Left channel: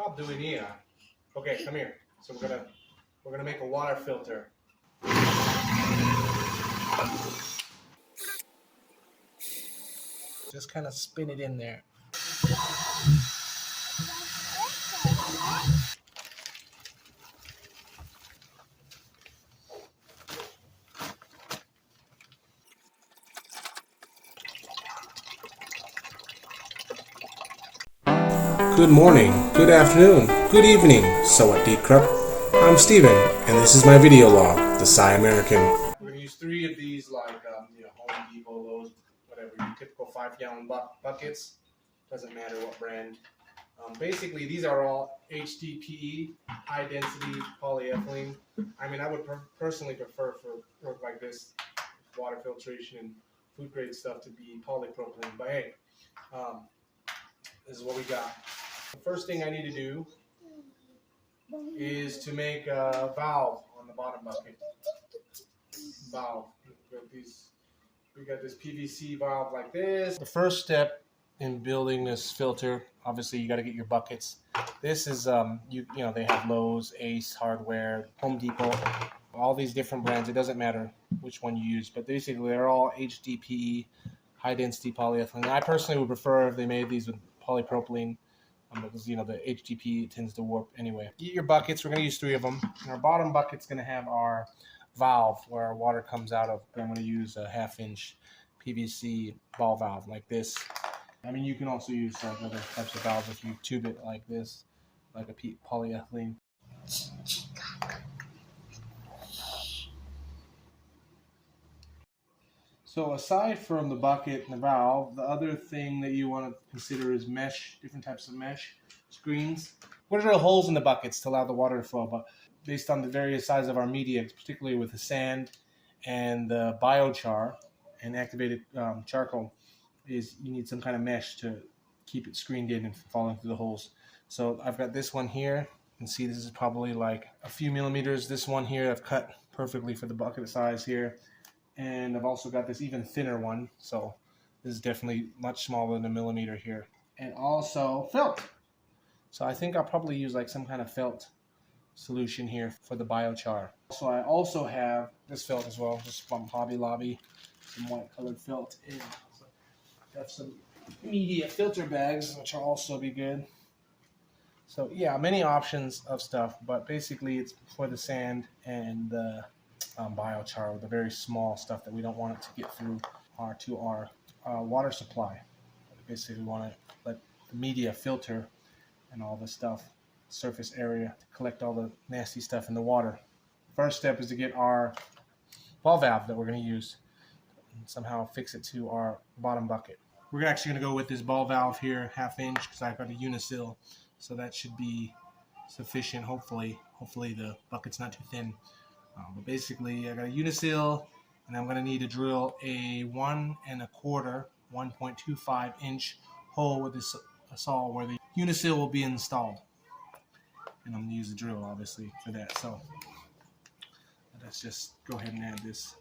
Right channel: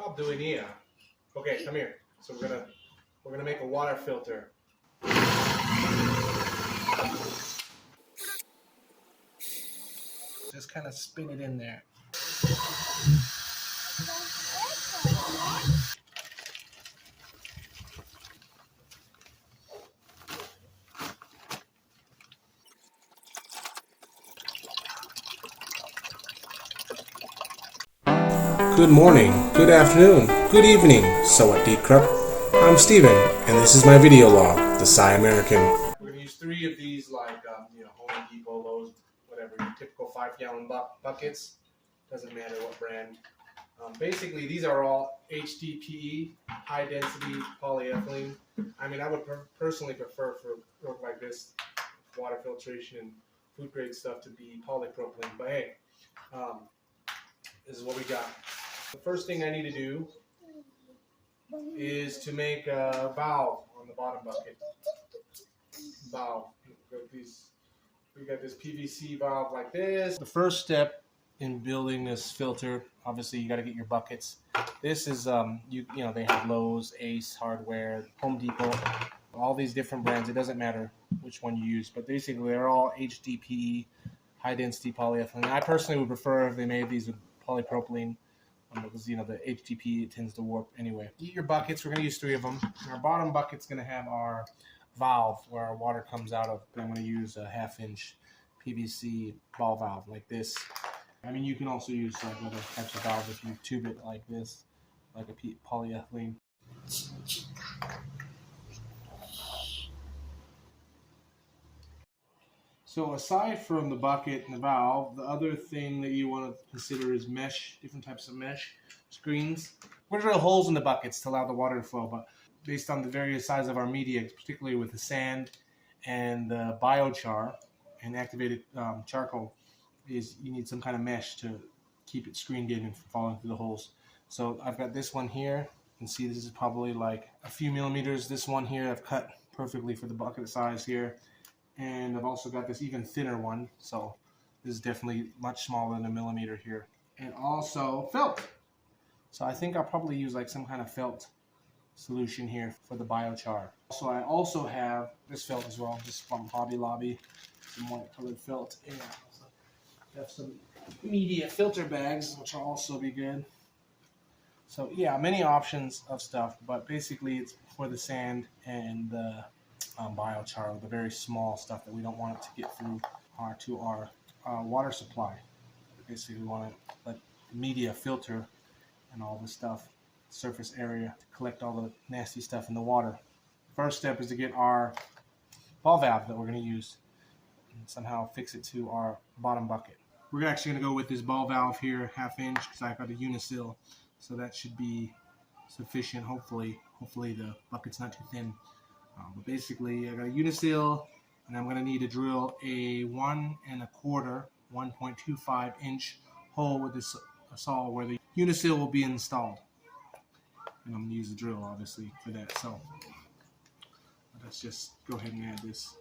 Stop doing here. Okay, come here. So we're gonna make a water filter. Just kind of spin it in there. Good morning, good afternoon, good evening, Sawadee Krupp. I'm Steven, and this is my video log, the Psy American. We're going to use 3 of these, like Home Depot, Lowe's, whatever, your typical 5-gallon buckets. Doesn't matter what brand. Basically, these are all HDPE, high density polyethylene. I mean, I would personally prefer for work like this, water filtration and food grade stuff, to be polypropylene. But hey, this is what we got. The first thing I need to do is to make a valve on the bottom bucket. Valve. We got this PVC valve like this. The first step in building this filter, obviously you got to get your buckets. This is they have Lowe's, Ace Hardware, Home Depot, all these different brands. It doesn't matter which one you use, but basically they're all HDPE, high density polyethylene. I personally would prefer if they made these with polypropylene, because the HDPE tends to warp anyway. Get your buckets. We're going to use 3 of them. And our bottom bucket's going to have our valve where our water comes out of. But I'm going to use a 1/2-inch PVC ball valve like this. I mean, you can also use like other types of valves if you tube it like this, like a polyethylene. So aside from the bucket and the valve, the other thing that you want to consider is mesh, different types of mesh screens. We're going to drill holes in the buckets to allow the water to flow, but based on the various size of our media, particularly with the sand and the biochar and activated charcoal, is you need some kind of mesh to keep it screened in and falling through the holes. So I've got this one here. You can see this is probably like a few millimeters. This one here I've cut perfectly for the bucket size here. And I've also got this even thinner one, so this is definitely much smaller than a millimeter here. And also felt. So I think I'll probably use like some kind of felt solution here for the biochar. So I also have this felt as well, just from Hobby Lobby, some white colored felt. And I have some media filter bags, which will also be good. So yeah, many options of stuff, but basically it's for the sand and the biochar, the very small stuff that we don't want it to get through our water supply. Basically, we want to let the media filter and all the stuff, surface area, to collect all the nasty stuff in the water. First step is to get our ball valve that we're going to use and somehow fix it to our bottom bucket. We're actually going to go with this ball valve here, 1/2-inch, because I've got a uniseal, so that should be sufficient. Hopefully the bucket's not too thin. But basically, I got a uniseal, and I'm going to need to drill a 1 1/4, 1.25-inch hole with this saw where the uniseal will be installed. And I'm going to use the drill, obviously, for that. So let's just go ahead and add this.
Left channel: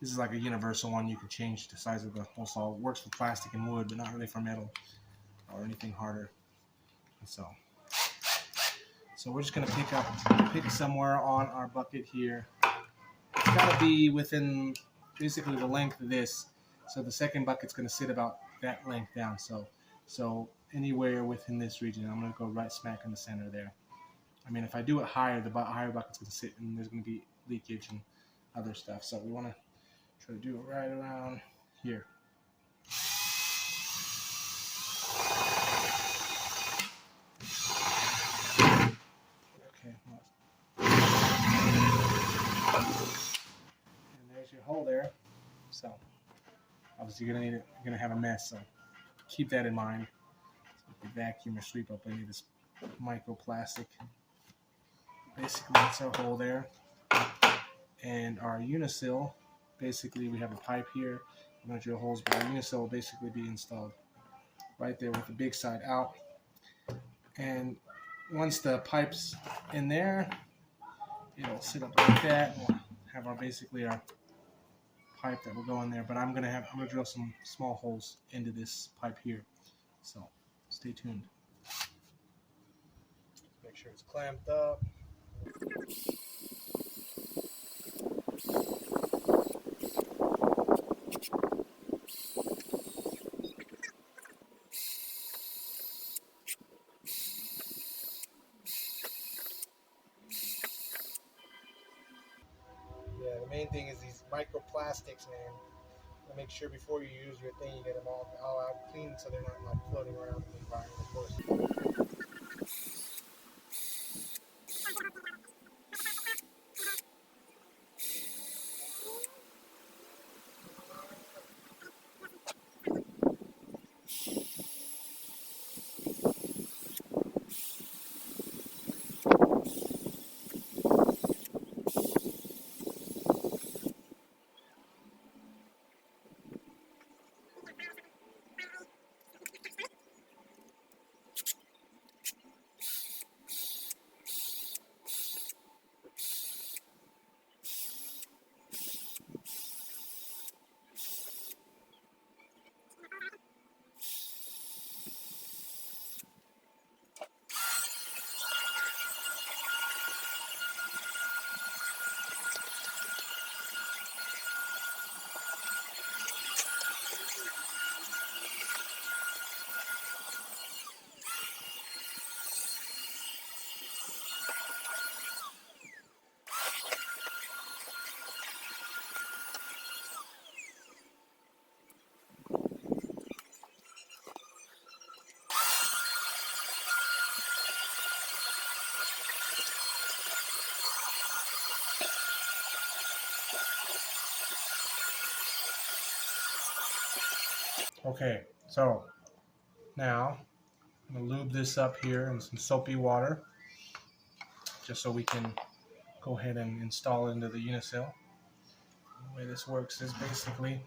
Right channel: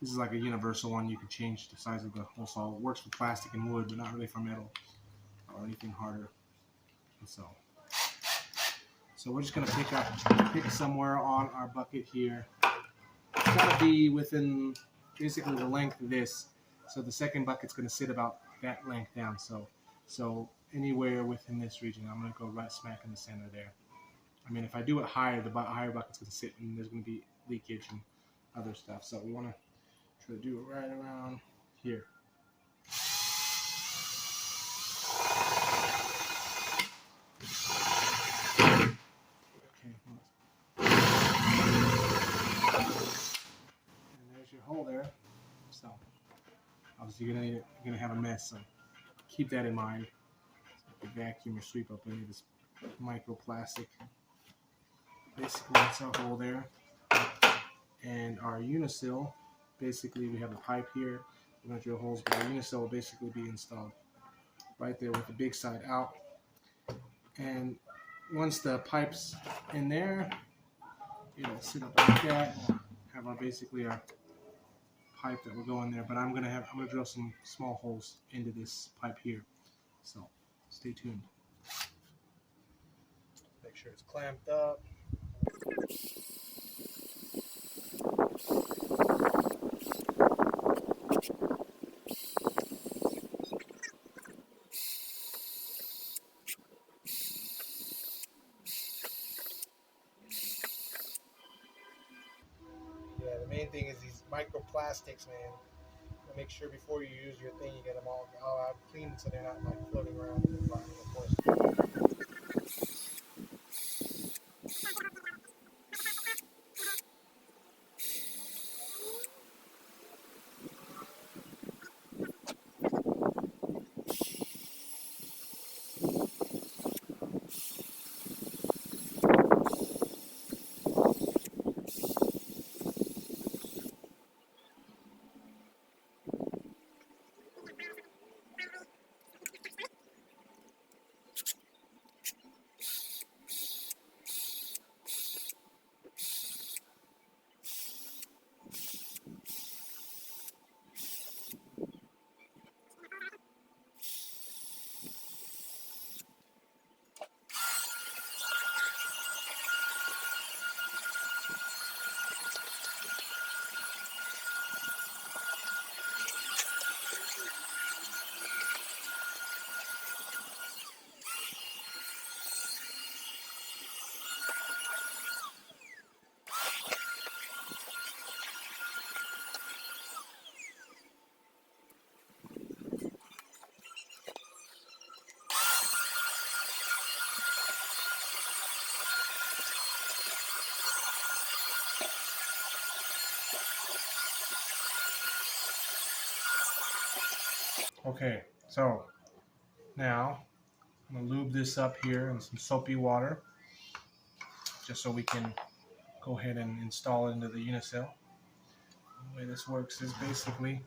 This is like a universal one. You can change the size of the hole saw. It works for plastic and wood, but not really for metal or anything harder. So we're just going to pick somewhere on our bucket here. It's got to be within basically the length of this. So the second bucket's going to sit about that length down. So anywhere within this region, I'm going to go right smack in the center there. I mean, if I do it higher, the higher bucket's going to sit, and there's going to be leakage and other stuff. So we want to try to do it right around here. Your hole there, so obviously you're gonna have a mess, so keep that in mind. So vacuum or sweep up any of this microplastic. Basically that's our hole there, and our uniseal, basically we have a pipe here. We're gonna drill holes, but our uniseal will basically be installed right there with the big side out. And once the pipe's in there, it'll sit up like that. We'll have our pipe that will go in there, but I'm gonna drill some small holes into this pipe here, so stay tuned. Make sure it's clamped up. Yeah, the main thing is these microplastics, man. Make sure before you use your thing, you get them all out clean so they're not like floating around in the environment, of course. Okay, so now I'm going to lube this up here in some soapy water just so we can go ahead and install it into the uniseal. The way this works is basically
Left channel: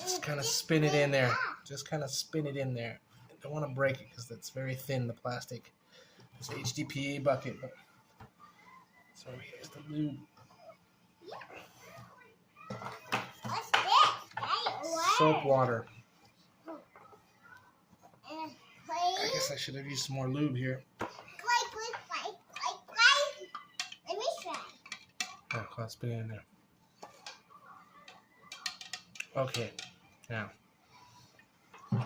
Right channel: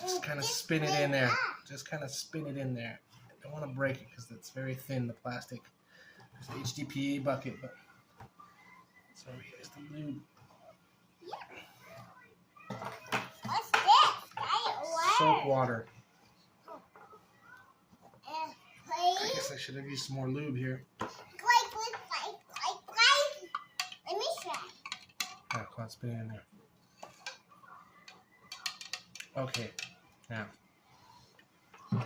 just kind of spin it in there. Just kind of spin it in there. I don't want to break it because it's very thin, the plastic. It's an HDPE bucket, but so here's the lube. What's this? Soap water. I guess I should have used some more lube here. Let me try. Oh, let's put it in there. Okay, now. More,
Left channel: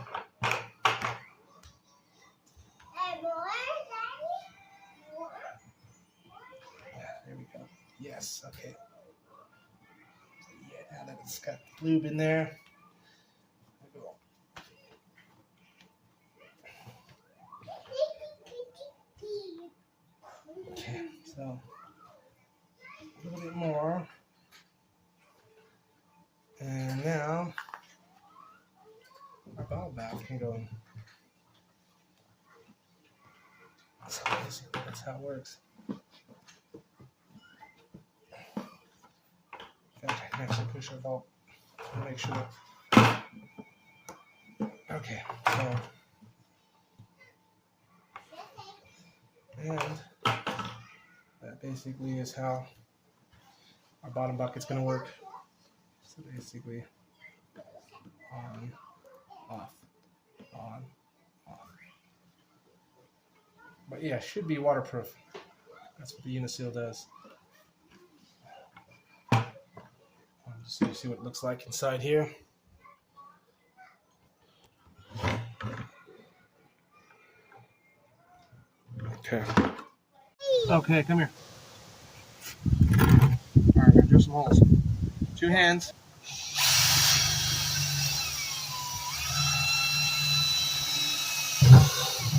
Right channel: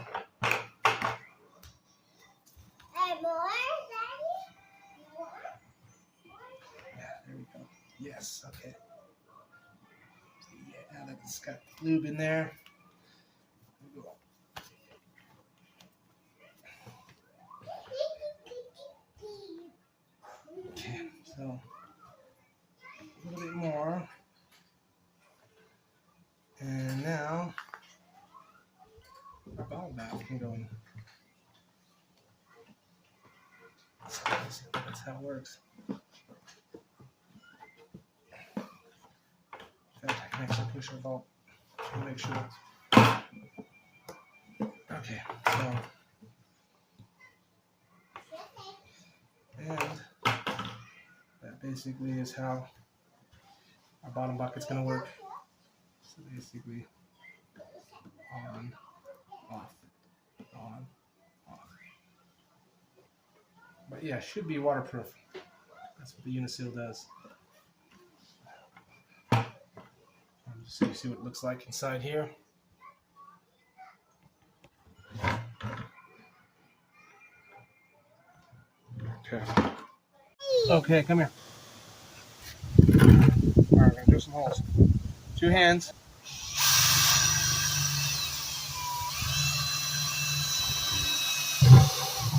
Daddy? More? Yeah, there we go. Yes, okay. So yeah, now that it's got lube in there, we go. Okay, so a little bit more. And now our bottle bath can go in. That's how it works. In fact, I can actually push our valve to make sure. Okay, so and that basically is how our bottom bucket's going to work. So basically, on, off, on, off. But yeah, should be waterproof. That's what the uniseal does. Just so you see what it looks like inside here. Okay. Okay, come here. All right, we're gonna do some holes. 2 hands.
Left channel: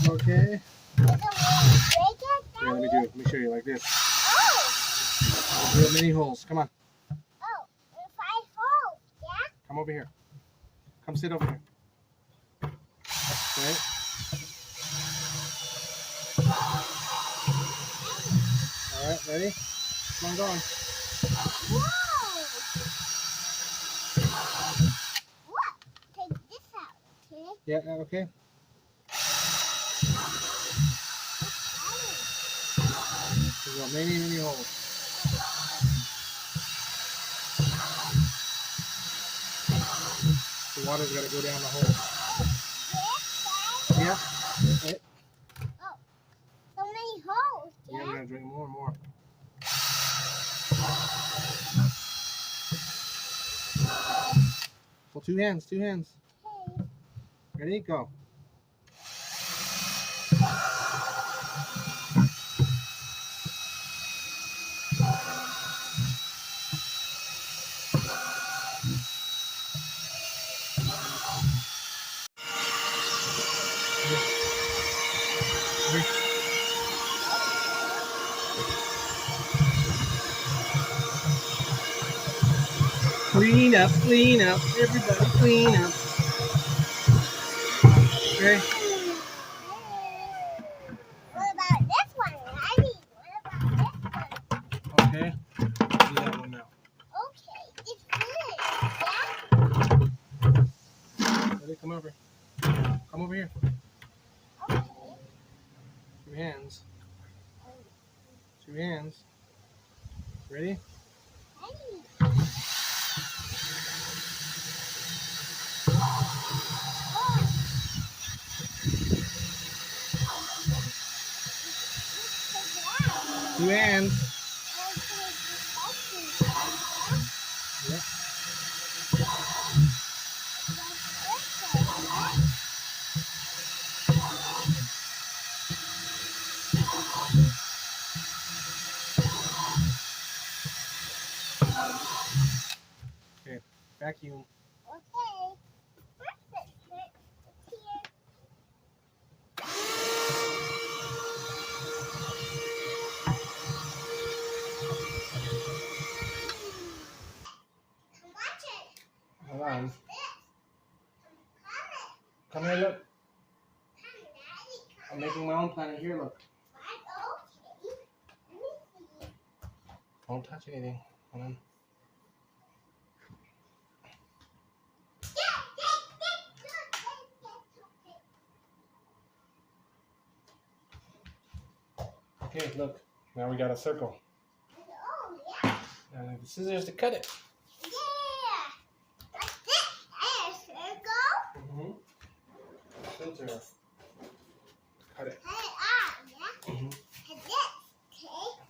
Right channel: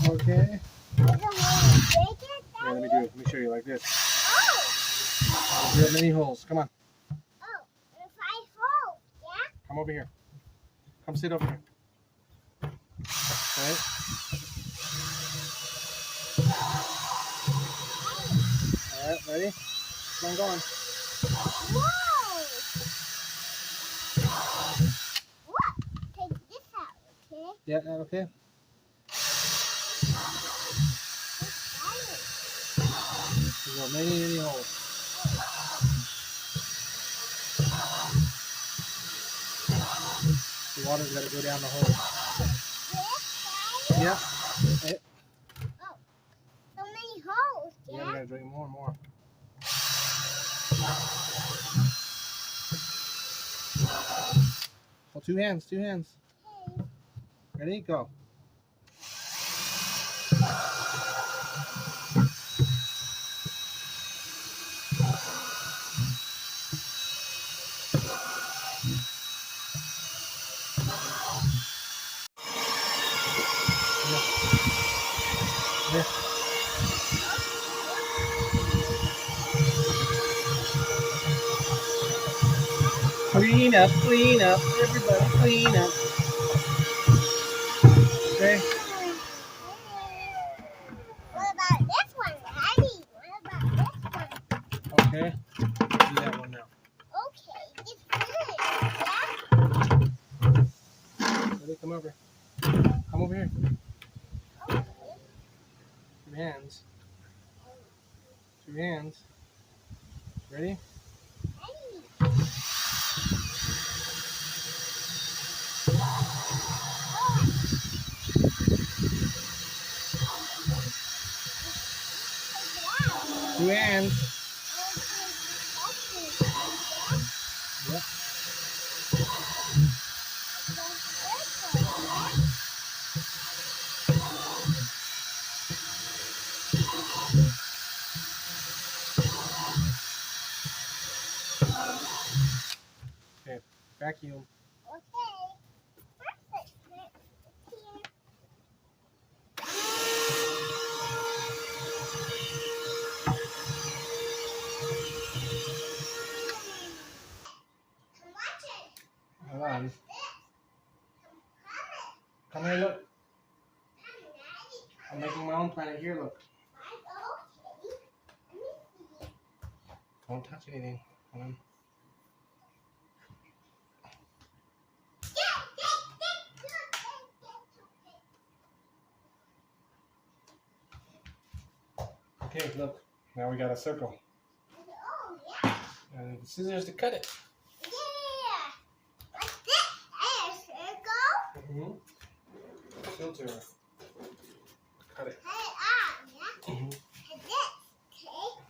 Okay. Yeah, let me do it. Let me show you like this. Oh! Drill many holes. Come on. Oh, 5 holes, yeah? Come over here. Come sit over here. Okay. All right, ready? Come on, go on. Whoa! What? Take this out, okay? Yeah, okay. There's got many holes. The water's got to go down the hole. Yeah. Oh, so many holes, Yeah, yeah? we gotta drink more and more. Well, two hands, two hands. Okay. Ready? Go. Here. Clean up, everybody clean up. Okay. What about this one, Daddy? What about this one? Okay. Do that one now. Okay, it's good, yeah? Ready? Come over. Come over here. Okay. Two hands. Two hands. Ready? Daddy. Two hands. Yep. Okay. Vacuum. Okay. Perfect. It's here. Come watch it. Hold on. This. Come here, look. Come, Daddy. I'm making my own planet here, look. Okay. Let me see. Don't touch anything. Hold on. Okay, look. Now we got a circle. Oh, yeah. And the scissors to cut it. Yeah. What's this? A circle? Filter. Cut it. Cut it off, yeah? And this, okay?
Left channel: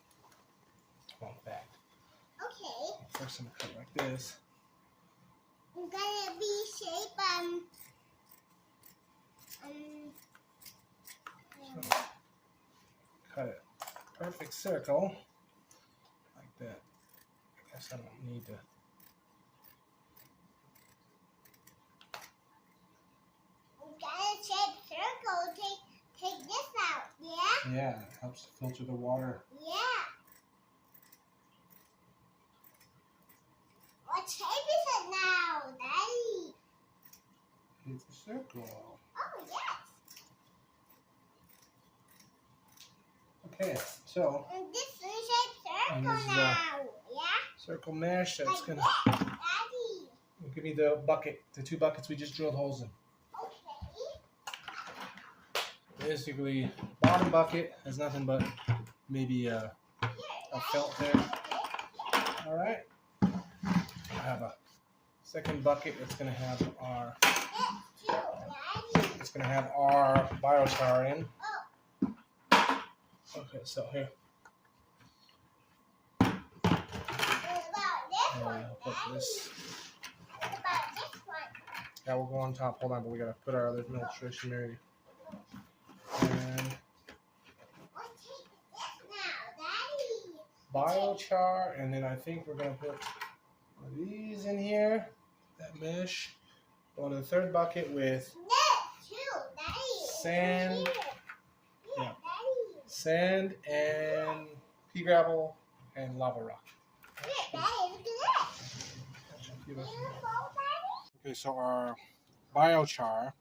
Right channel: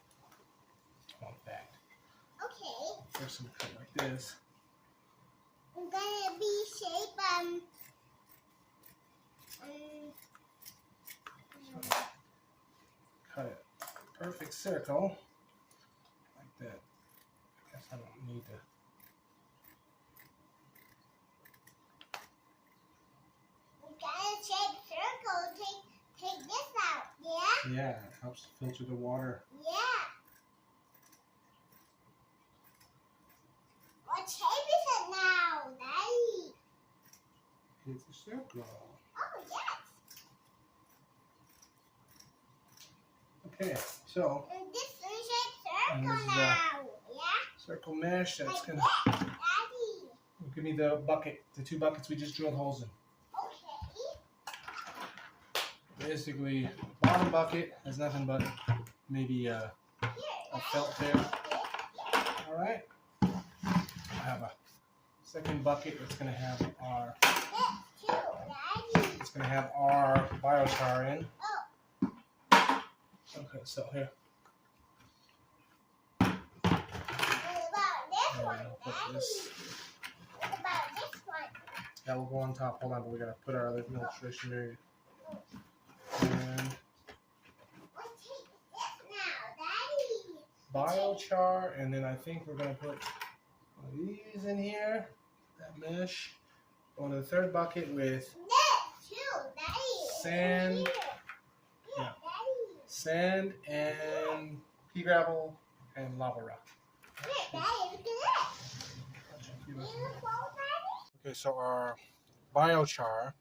Like that. Okay. First I'm gonna cut it like this. I'm gonna be shape Cut it. Perfect circle. Like that. I guess I don't need to. I'm gonna shape circle. Take this out, yeah? Yeah, it helps to filter the water. Yeah. What shape is it now, Daddy? It's a circle. Oh, yes. Okay, so And this is shape And circle this is, now, yeah? circle mesh that's Like gonna this, Daddy. give me the bucket, the two buckets we just drilled holes in. Okay. Basically, bottom bucket has nothing but maybe a felt there. All right. I have a second bucket that's gonna have our This too, Daddy. it's gonna have our biochar in. Oh. Okay, so here. What about this And one, put Daddy? this. What about this one? That will go on top. Hold on, but we gotta put our other filtration. And What shape is this now, Daddy? biochar, and then I think we're gonna put one of these in here. That mesh. Go into the third bucket with This too, Daddy. It's Sand. here. Yeah. Daddy. sand and pea gravel and lava rock. Here, Daddy, look at this. Beautiful, Daddy. Okay, so our biochar,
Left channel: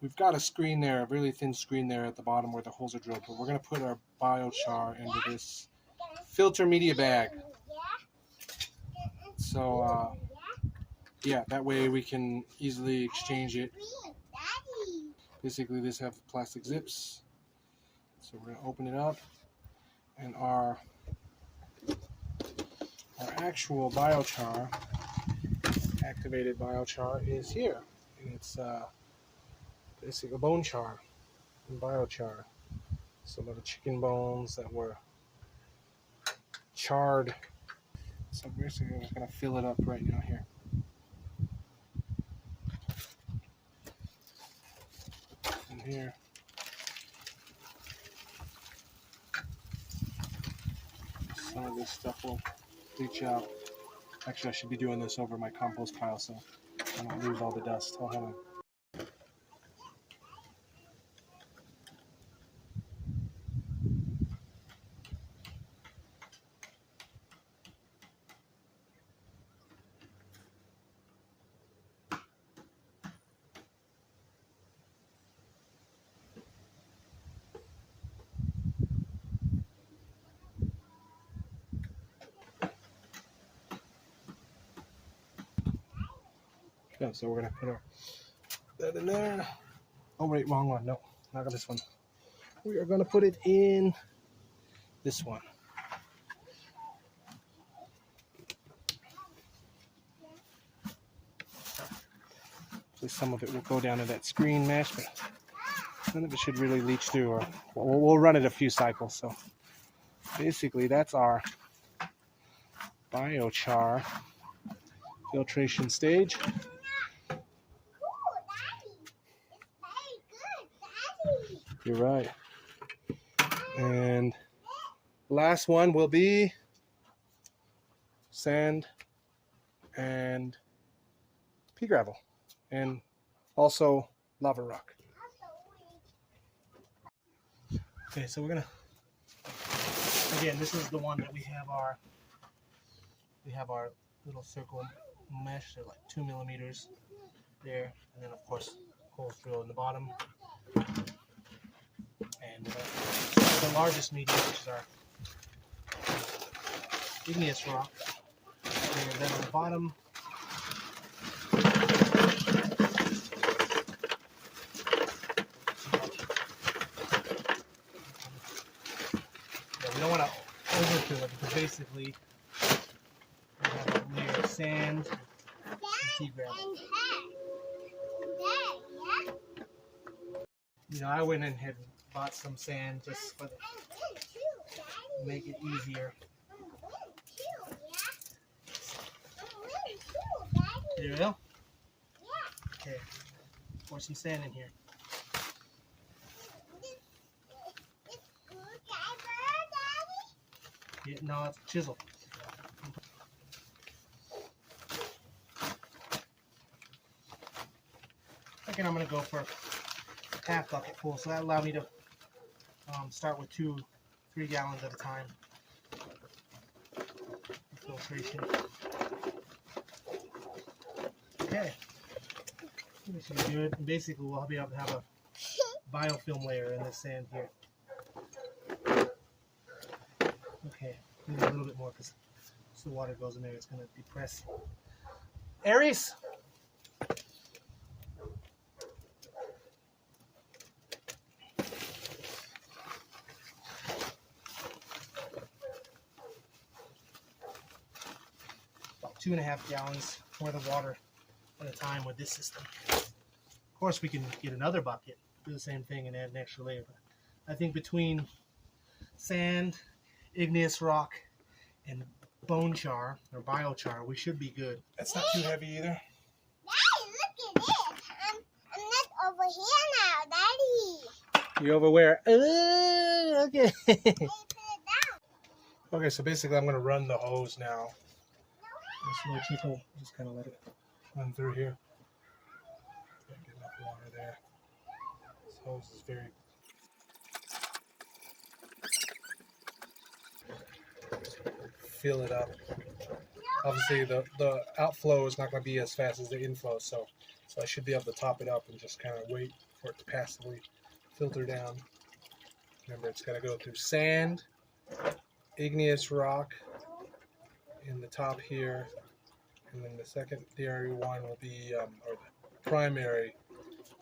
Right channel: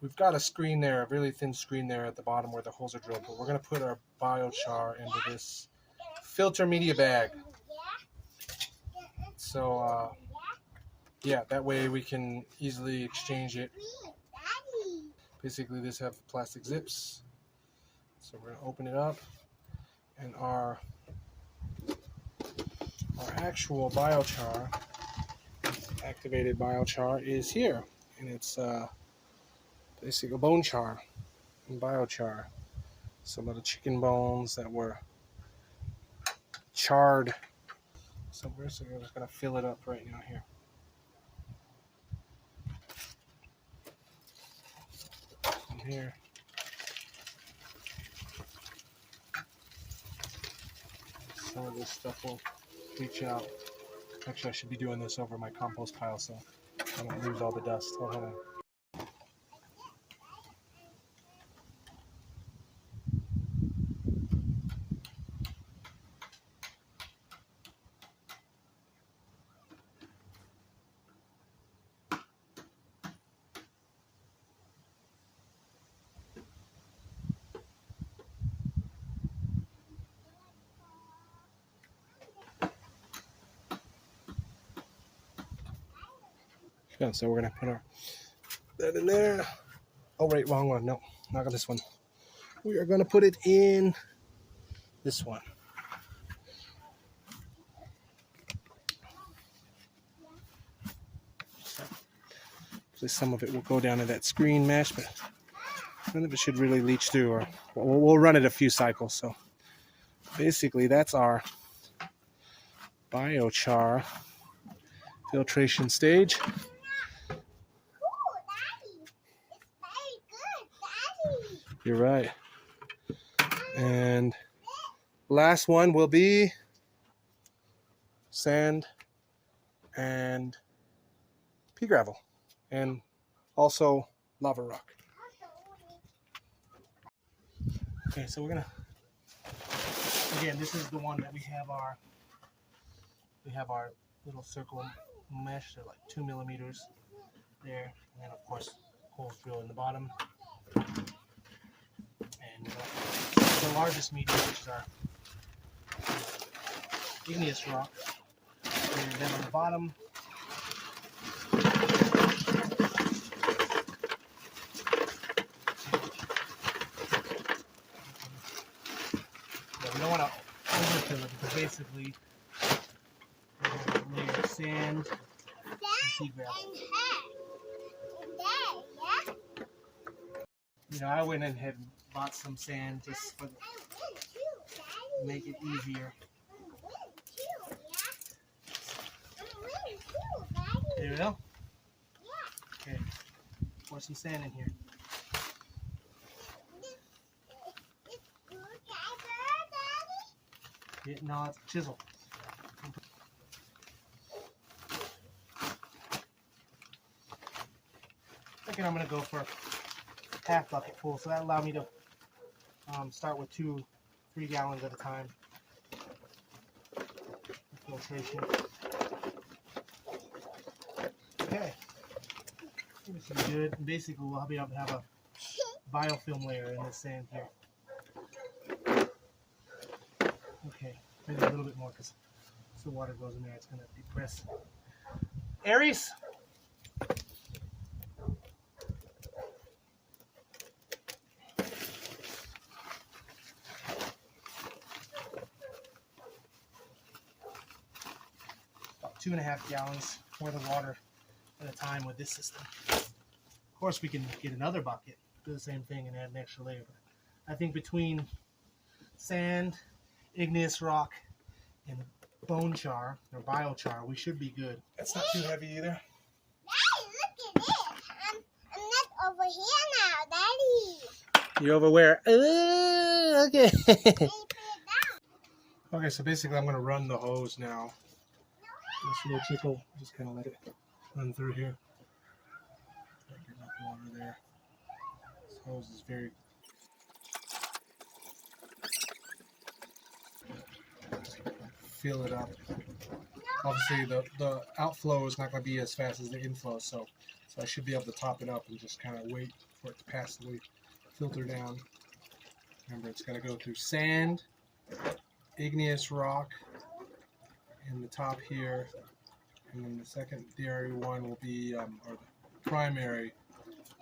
we've got a screen there, a really thin screen there at the bottom where the holes are drilled, but we're going to put our biochar into this filter media bag. So, yeah, that way we can easily exchange it. Basically, this have plastic zips. So we're going to open it up, and our actual biochar, activated biochar, is here, and it's basically bone char and biochar. Some of the chicken bones that were charred. So basically I'm just gonna fill it up right now here. And here. Some of this stuff will leach out. Actually, I should be doing this over my compost pile so I don't lose all the dust. Oh, hold on. Yeah, so we're gonna put that in there. Oh wait, wrong one. No, not this one. We are gonna put it in this one. So some of it will go down to that screen mesh, but none of it should really leach through. Or we'll run it a few cycles. So basically, that's our biochar filtration stage. You're right. And last one will be sand and pea gravel and also lava rock. Okay, so we're gonna, again, this is the one that we have our little circle mesh. They're like 2 millimeters there, and then of course holes drilled in the bottom. And the largest medium, which is our igneous rock, and then on the bottom we don't want to overfill it because basically we have a layer of sand and pea gravel. You know, I went in and bought some sand just for the make it easier. There we go. Okay, pour some sand in here. Yeah, no, it's a chisel. I think I'm gonna go for half bucket full, so that allowed me to start with 2-3 gallons at a time. Filtration. Okay, this should be good. And basically, we'll be able to have a biofilm layer in this sand here. Okay, maybe a little bit more because as the water goes in there, it's going to depress. Aries. About 2.5 gallons worth of water at a time with this system. Of course, we can get another bucket, do the same thing, and add an extra layer. But I think between sand, igneous rock, and bone char or biochar, we should be good. That's not too heavy either. Daddy, look at this. I'm not over here now, Daddy. You're over where? Okay. Hey, put it down. Okay, so basically I'm going to run the hose now. This little trickle, just kind of let it run through here. Get enough water there. This hose is very... Fill it up. Obviously the outflow is not going to be as fast as the inflow, so I should be able to top it up and just kind of wait for it to pass the filter down. Remember, it's got to go through sand, igneous rock in the top here, and then the secondary one will be, or the primary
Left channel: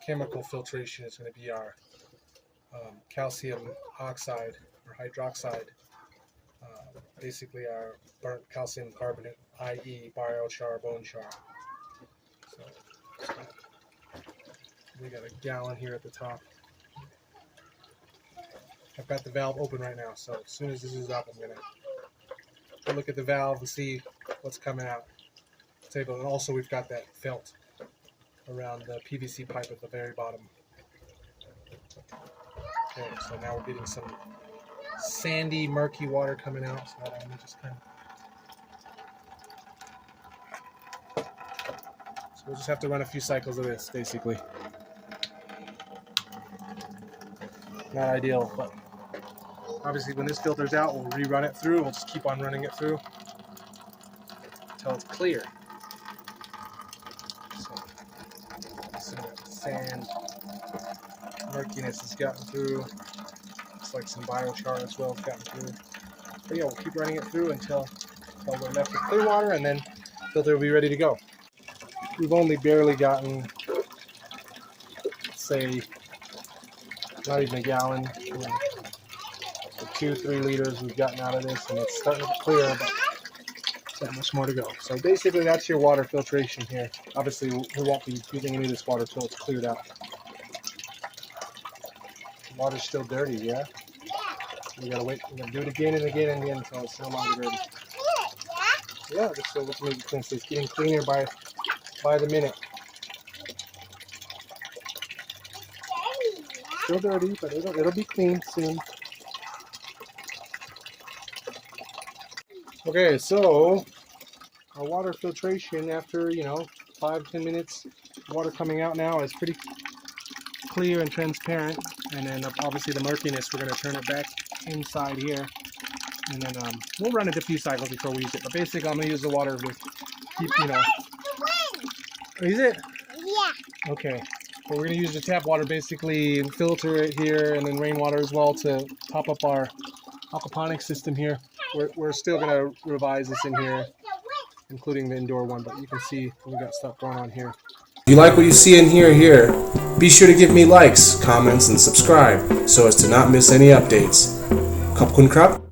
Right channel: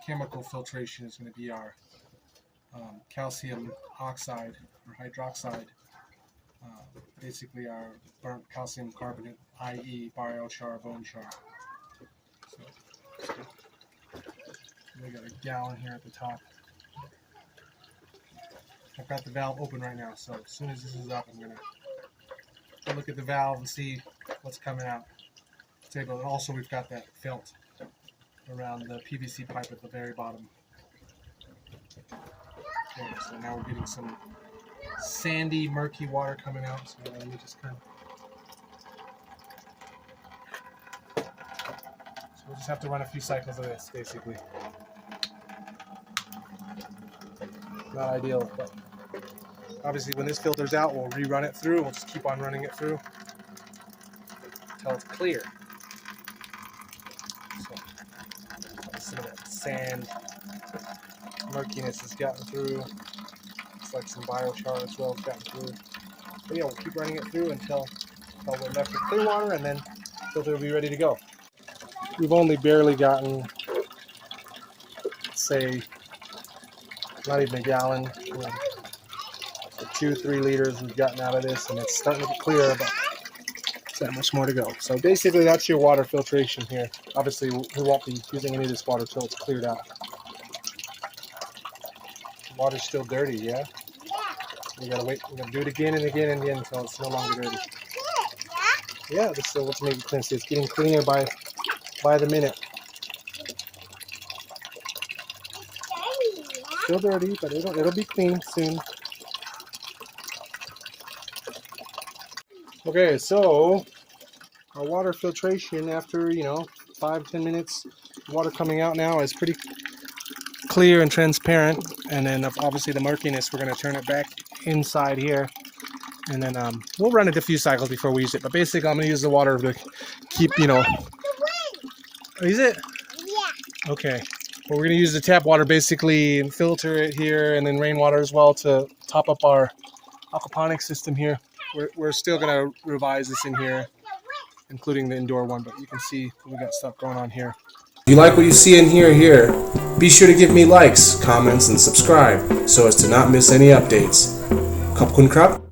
chemical filtration is going to be our calcium oxide or hydroxide. Basically our burnt calcium carbonate, i.e. biochar, bone char. So we got a gallon here at the top. I've got the valve open right now, so as soon as this is up, I'm going to look at the valve and see what's coming out. And also we've got that felt around the PVC pipe at the very bottom. Okay, so now we're getting some sandy, murky water coming out. So let me just kind of... So we'll just have to run a few cycles of this, basically. Not ideal, but obviously when this filters out, we'll rerun it through. We'll just keep on running it through until it's clear. So some of that sand murkiness has gotten through. Looks like some biochar as well has gotten through. But yeah, we'll keep running it through until we're left with clear water, and then the filter will be ready to go. We've only barely gotten, say, not even a gallon, 2-3 liters we've gotten out of this, and it's starting to get clear, but there's that much more to go. So basically that's your water filtration here. Obviously we won't be using any of this water until it's cleared out. The water's still dirty, yeah? So we gotta wait, we're gonna do it again and again and again until it's no longer dirty. Yeah, this is what's making it clean. So it's getting cleaner by the minute. Still dirty, but it'll be clean soon. Okay, so our water filtration after 5-10 minutes, water coming out now is pretty clear and transparent. And then obviously the murkiness, we're going to turn it back inside here, and then we'll run it a few cycles before we use it. But basically, I'm going to use the water to keep Is it? Yeah. Okay. Well, we're going to use the tap water, basically filter it here, and then rainwater as well to top up our aquaponics system here. We're still going to revise this in here, including the indoor one, but you can see we got stuff going on here. If you like what you see and hear here, be sure to give me likes, comments, and subscribe so as to not miss any updates. Kapkun krab.